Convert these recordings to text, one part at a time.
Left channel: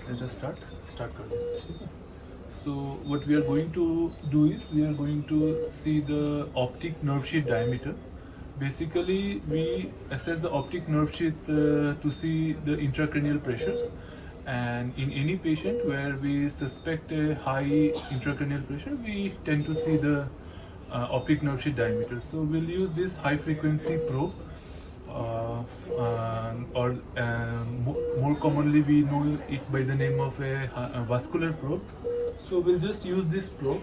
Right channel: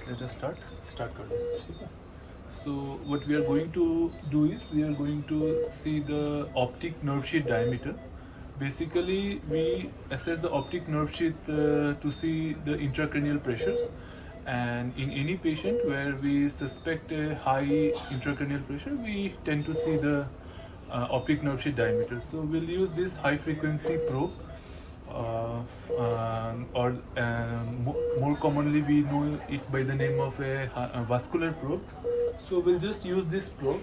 Yes, let us start. So what we are going to do is we are going to see the optic nerve sheath diameter. Basically, we assess the optic nerve sheath to see the intracranial pressures. And in any patient where we suspect a high intracranial pressure, we tend to see the optic nerve sheath diameter. So we'll use this high frequency probe. More commonly we know it by the name of a vascular probe. So we'll just use this probe,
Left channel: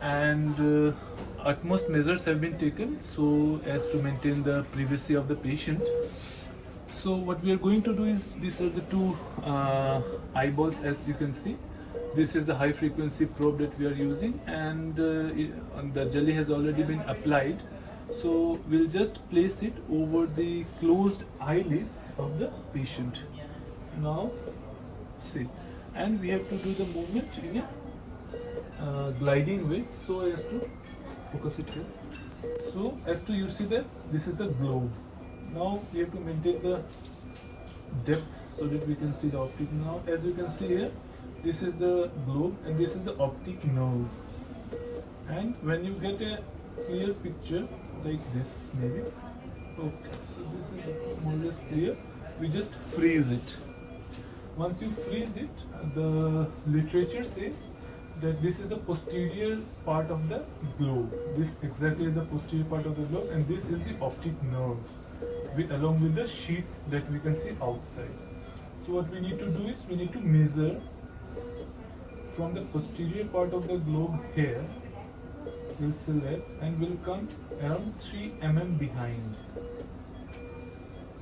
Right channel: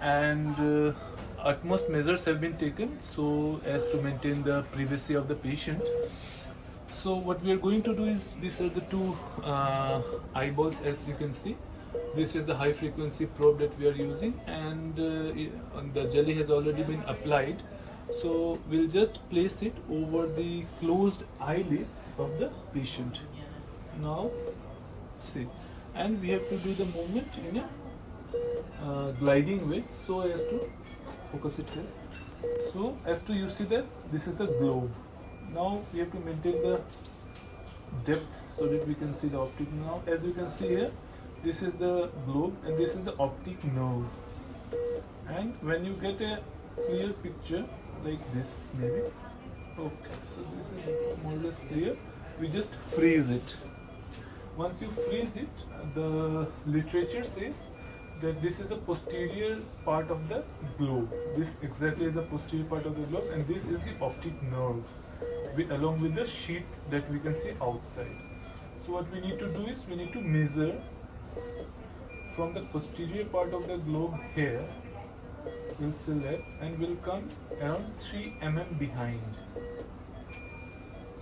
and utmost measures have been taken so as to maintain the privacy of the patient. So what we are going to do is, these are the two eyeballs, as you can see. This is the high frequency probe that we are using, and the jelly has already been applied. So we'll just place it over the closed eyelids of the patient. Now see, and we have to do the movement in a gliding way so as to focus it here. So as to you see that this is the globe. Now we have to maintain the depth so that we can see the optic nerve. Now as you can see here, this is the globe and this is the optic nerve. And when you get a clear picture like this, maybe, okay, so this is more or less clear, we just freeze it. Once you freeze it, the literature says that this is the posterior part of the globe. This exactly is the posterior part of the globe, and this is the optic nerve along with the sheath that we can see outside. So what we need to do is we need to measure from the posterior part of the globe here. We'll select and we'll come around 3 mm behind.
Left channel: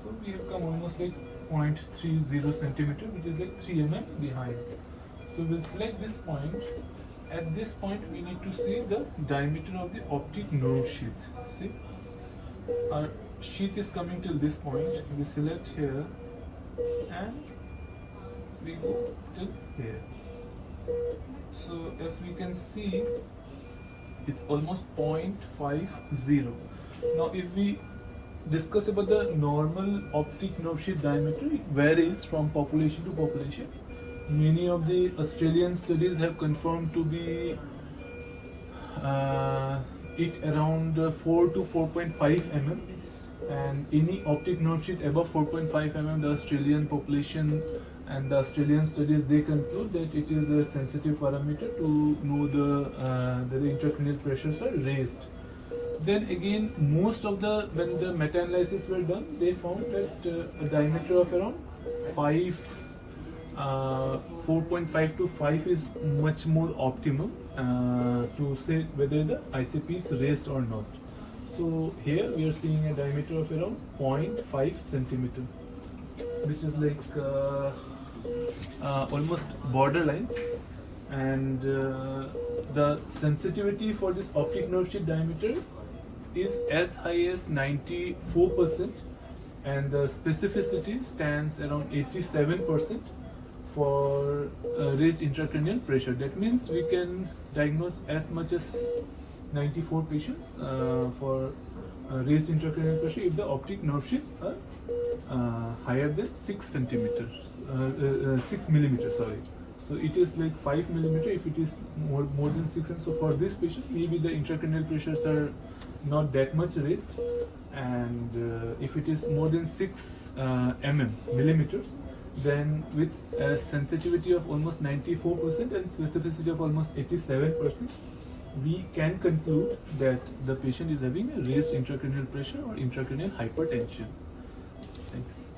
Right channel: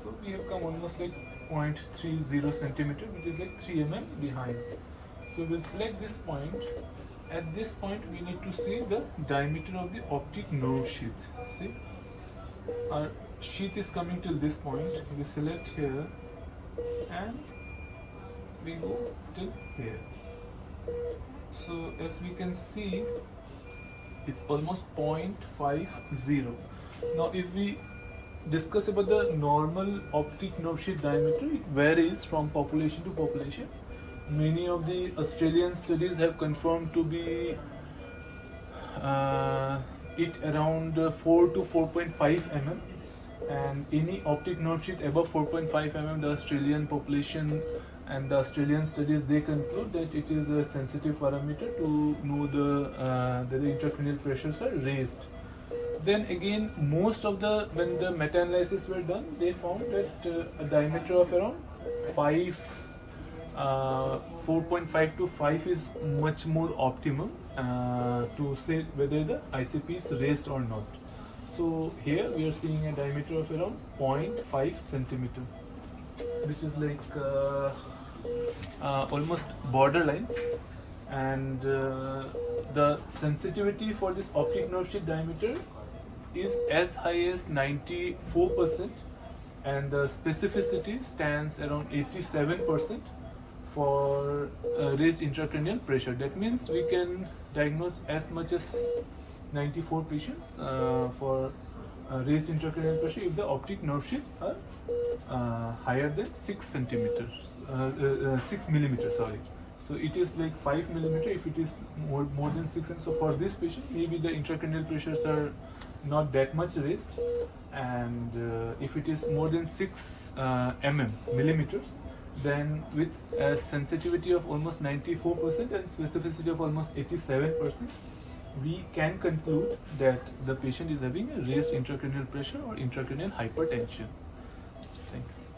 So we have come almost like 0.30 centimeter, which is like 3 mm behind. So we'll select this point. At this point we need to see the diameter of the optic nerve sheath. See, our sheath is coming till this point. We select here and we go till here. So as we can see, it's almost 0.50. Now if we discuss about the normal optic nerve sheath diameter, it varies from population to population. Many of the Australian studies have confirmed to be it around 4 to 4.5 mm, and any optic nerve sheath above 4.5 mm, the Australian population and the Australian studies, they conclude that it is a sensitive parameter to know the intracranial pressures are raised. Then again, when the meta-analysis were done, they found that a diameter of around 4.5 to 5 is much more optimal to say whether the ICP is raised or not. So here we are seeing a diameter of around 0.5 centimeter, which is like almost borderline, and the sensitivity for this optic nerve sheath diameter is as high as 94%, and the specificity stands around 87% for raised intracranial pressure. That means we can diagnose as much as 94 patients for raised intracranial pressure if the optic nerve sheaths are higher than 6 millimeters. Sorry. So it is like 5 millimeter if it is more than 6. And so for this patient, maybe the intracranial pressures are not that much raised, and if it is more than 6 millimeters, then with a sensitivity of almost 94% and specificity of almost 87%, we can conclude that the patient is having a raised intracranial pressure or intracranial hypertension. Thanks.